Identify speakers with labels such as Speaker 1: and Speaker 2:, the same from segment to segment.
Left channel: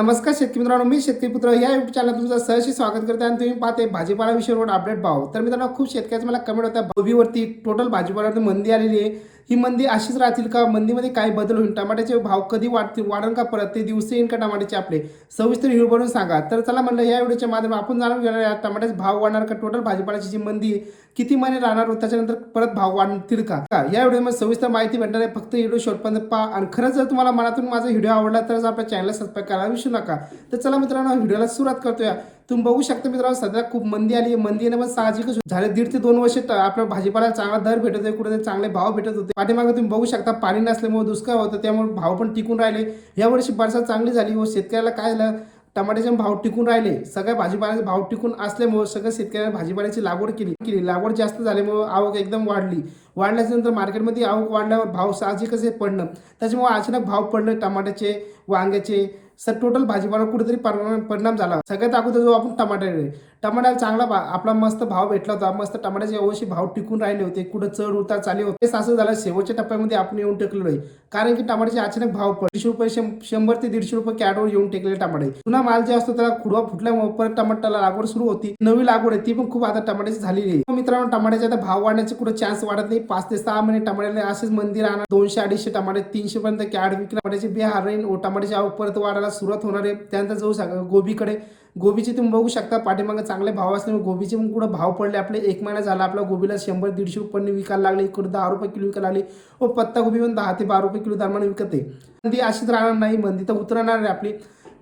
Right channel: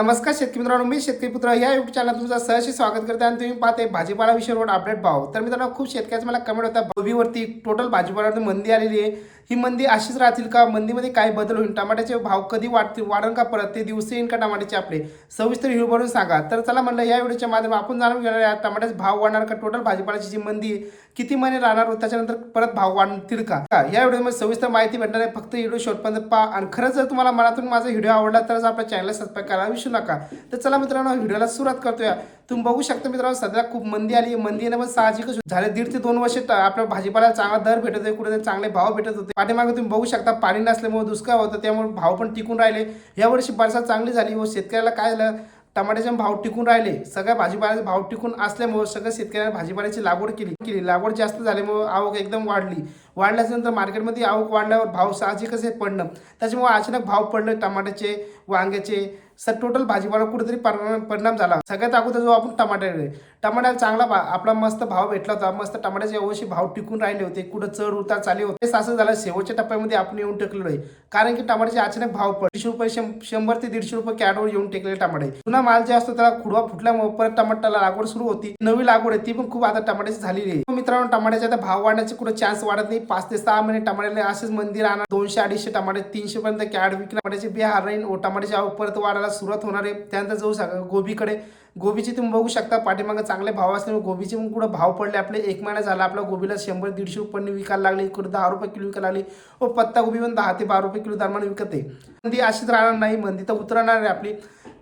Speaker 1: नमस्कार शेतकरी मित्रांनो मी शेतकरी पुत्र या युट्यूब चॅनल तुमचं सहशी स्वागत करते आणि तुम्ही पाहते भाजीपाला विषयावर अपडेट पाहू तर मित्रांनो खूप शेतकऱ्याचं मला कमेंट होता. गोबीवरती टोटल भाजीपाल्यावरती मंदी आलेली आहे. ही मंदी अशीच राहतील का? मंदीमध्ये काय बदल होईल? टमाट्याचे भाव कधी वाढतील? वाढन का परत? ते दिवस येईल का टमाट्याचे आपले? सविस्तर हिरो बनवून सांगा. तर चला म्हणलं या व्हिडिओच्या माध्यम आपण जाणून घेणार आहे टमाट्याचे भाव वाढणार का? टोटल भाजीपाल्याची जी मंदी आहे किती महिने राहणार व त्याच्यानंतर परत भाव वाढतील का? या व्हिडिओमध्ये सविस्तर माहिती भेटणार आहे. फक्त व्हिडिओ शोधपर्यंत पा आणि खरंच जर तुम्हाला मनातून माझा व्हिडिओ आवडला तरच आपल्या चॅनलला सबस्क्राईब करायला विसरू नका. तर चला मित्रांनो व्हिडिओला सुरुवात करतोया. तुम्ही बघू शकता मित्रांनो सध्या खूप मंदी आली आहे. मंदी येणं पण साहजिकच झाले दीड ते दोन वर्ष आपल्या भाजीपाला चांगला दर भेटत आहे कुठे चांगले भाव भेटत होते. पाठीमागे तुम्ही बघू शकता पाणी नसल्यामुळे दुष्काळ होतं त्यामुळे भाव पण टिकून राहिले. यावर्षी बरसात चांगली झाली व शेतकऱ्याला काय झालं टमाट्याचे भाव टिकून राहिले. सगळ्या भाजीपाल्याचे भाव टिकून असल्यामुळे सगळ्या शेतकऱ्यांनी भाजीपाल्याची लागवड केली केली. लागवड जास्त झाल्यामुळे आवक एकदम वाढली. वाढल्याच्यानंतर मार्केटमध्ये आवक वाढल्यावर भाव साहजिकच आहे पडणं. त्याच्यामुळे अचानक भाव पडले टमाट्याचे वांग्याचे सर टोटल भाजीपाला कुठेतरी परिणाम परिणाम झाला. सगळ्यात अगोदर जो आपण टमाटर टमाट्याला चांगला भा आपला मस्त भाव भेटला होता. मस्त टमाट्याचे अवश्य भाव टिकून राहिले होते. कुठं चढ उतार चालले होते. तेच असं झालं शेवटच्या टप्प्यामध्ये आपण येऊन टेकलेलो आहे. कारण की टमाट्याचे अचानक भाव पड दीडशे रुपये शंभर ते दीडशे रुपये कॅडवर येऊन टेकलेले टमाटे. पुन्हा माल जे असतो त्याला खुडवा फुटल्यामुळे परत टमाट्याला लागवड सुरू होती. नवी लागवड आहे ती पण खूप आता टमाट्याची झालेली आहे. मित्रांनो टमाट्याचे आता भाव वाढण्याचे कुठे चान्स वाढत नाही. पाच ते सहा महिने टमाट्याला असेच मंदिर राहणार. दोनशे अडीचशे टमाटे तीनशे पर्यंत कॅड विकणार. टमाट्याची बिहार राहील व टमाट्याची आवक परत वाढायला सुरुवात होणार आहे. त्यानंतर जाऊ शकता गोबीकडे. गोबीचे तुम्ही बघू शकता पाठीमागे चांगले भाव असल्यामुळे गोबीचे पण कुठं भाव पडले. आपले एक महिना झाला आपला गोबीला शंभर दीडशे रुपयांनी विकायला लागले. इकडे दहा रुपये किलो विकायला लागली. व पत्ता गोबी पण दहा ते बारा रुपये किलो दरम्यान विकत. आहे मंदी अशीच राहणार नाही. मंदी तर उतरणार आहे आपली.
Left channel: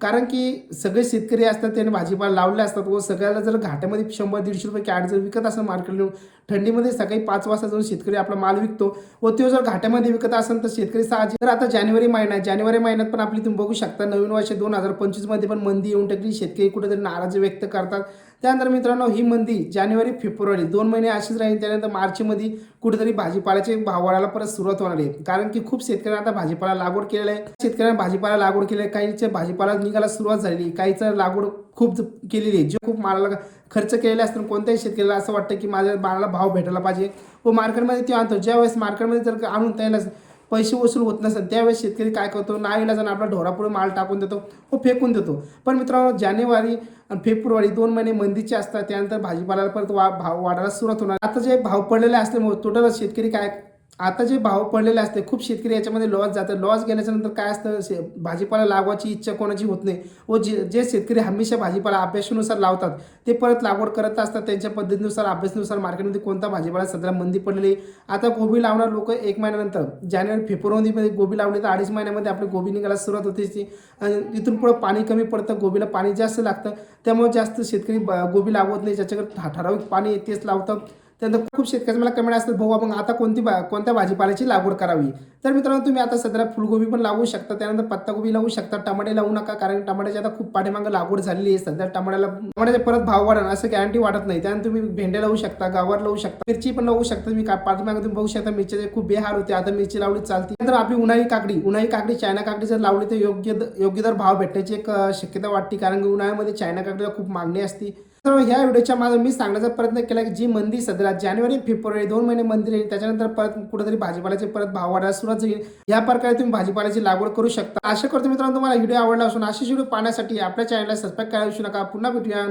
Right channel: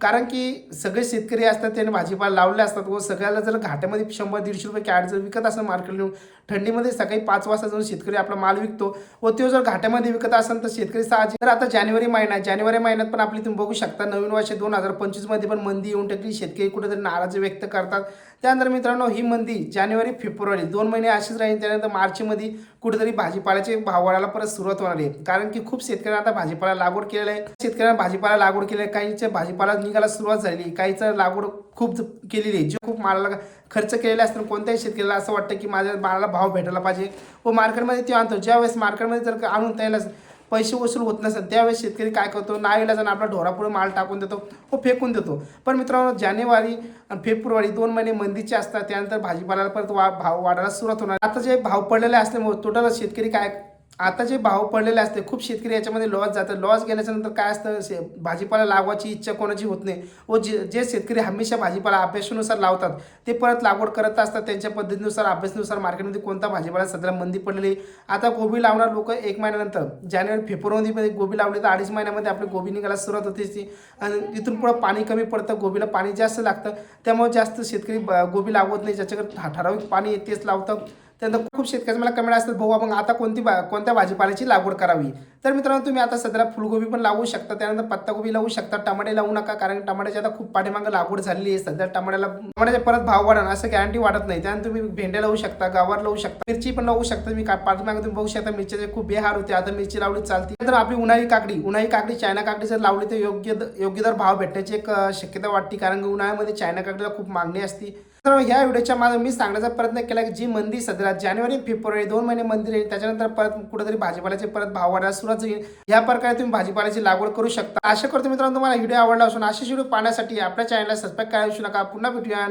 Speaker 1: कारण की सगळे शेतकरी असतात त्यांनी भाजीपाला लावले असतात व सगळ्याला जर घाट्यामध्ये शंभर दीडशे रुपये कॅट जर विकत असेल मार्केट येऊन थंडीमध्ये सकाळी पाच वाजता जाऊन शेतकरी आपला माल विकतो व तो जर घाट्यामध्ये विकत असेल तर शेतकरी साहजिक तर आता जानेवारी महिना आहे. जानेवारी महिन्यात पण आपली तुम्ही बघू शकता नवीन वर्ष दोन हजार पंचवीसमध्ये पण मंदी येऊन टाकली. शेतकरी कुठेतरी नाराजी व्यक्त करतात. त्यानंतर मित्रांनो ही मंदी जानेवारी फेब्रुवारी दोन महिने अशीच राहील. त्यानंतर मार्चमध्ये कुठेतरी भाजीपाल्याचे भाव वाढायला परत सुरुवात होणार आहे. कारण की खूप शेतकऱ्यांना आता भाजीपाला लागवड केलेला आहे. शेतकऱ्यांना भाजीपाला लागवड केली आहे. काहीच्या भाजीपाला निघायला सुरुवात झालेली काहीचं लागवड खूप केलेली आहे. जे खूप मालाला खर्च केलेला असताना कोणत्याही शेतकऱ्याला असं वाटतं की माझ्या मालाला भाव भेटायला पाहिजे. व मार्केटमध्ये ते आणतो. ज्यावेळेस मार्केटमध्ये जर आणून त्याला पैसे वसूल होत नसेल त्यावेळेस शेतकरी काय करतो? नाईला जाणं आपला ढोरापुढे माल टाकून देतो व फेकून देतो. पण मित्रांनो जानेवारी आणि फेब्रुवारी दोन महिने मंदीचे असतात. त्यानंतर भाजीपाल्याला परत वा भाव वाढायला सुरुवात होणार. आता जे भाव पडलेले असल्यामुळे टोटल शेतकरी काय आता जे भाव पडलेले असते खूप शेतकरी याच्यामध्ये लॉस जातं लॉस गेल्याच्यानंतर काय असतं शे भाजीपाला लागवायची इच्छा कोणाची होत नाही. व जे जे शेतकरी हमेशा भाजीपाला अभ्यासानुसार लावतात ते परत लागवड करत असतात. त्यांच्या पद्धतीनुसार अभ्यासानुसार मार्केटमध्ये कोणता भाजीपाला सध्या मंदी पडलेली आता गोबी लावणार लोक एक महिन्यानंतर. जानेवारी फेब्रुवारीमध्ये गोबी लावली तर अडीच महिन्यामध्ये आपली गोबी निघायला सुरुवात होते. ती आणि इथून पुढं पाणी कमी पडतं गोबीला पाणी जास्त लागतं. त्यामुळे जास्त शेतकरी ब- गोबी लावत नाही. ज्याच्याकडे ठराविक पाणी तेच लावतं त्यानंतर खूप शेतकऱ्याचं मला कमेंट असतात भाऊ मग आता कोणती बा कोणत्या भाजीपाल्याची लागवड करावी? तर मित्रांनो तुम्ही आता सध्याला फुलगोबी पण लावू शकता त्यानंतर पत्तागोबी लावू शकता टमाटे लावू नका कारण टमाट्याची आता खूप पाठीमागं लागवड झालेली आहे. सध्या टमाट्याला टमाट्याचे परत भाव वाढणार असं गॅरंटी वाढत नाही. त्यानंतर तुम्ही भेंडे लावू शकता गावर लावू शकता मिरची पण लावू शकता तुम्ही. का पाठीमागे तुम्ही बघू शकता मिरच्याचे खूप बेहार होते आता मिरची लावली चालते नंतर आपली उन्हाळी काकडी उन्हाळी काकडी चायना काकडी जर लावली तर योग्य द- योग्य दर भाव भेटण्याची एक शक्यता वाटते कारण की उन्हाळ्यामध्ये चायना काकडीला खूप मागणी असते. तर ह्या व्हिडिओच्या माझा मी सांगण्याचा प्रयत्न केला की जी मंदी सध्या जानेवारी फेब्रुवारी दोन महिने मंदी राहील त्याच्यानंतर परत कुठेतरी भाजीपाल्याचे परत भाव वाढायला सुरुवात होईल या प्रकारे तुम्ही भाजीपाल्याची लागवड करू शकता. आशा करतो मित्रांनो तुम्हाला व्हिडिओ आवडला असून अशीच व्हिडिओ पाहण्यासाठी आपल्या चॅनलला सबस्क्राईब करायला विसरू नका. पुन्हा भेटूया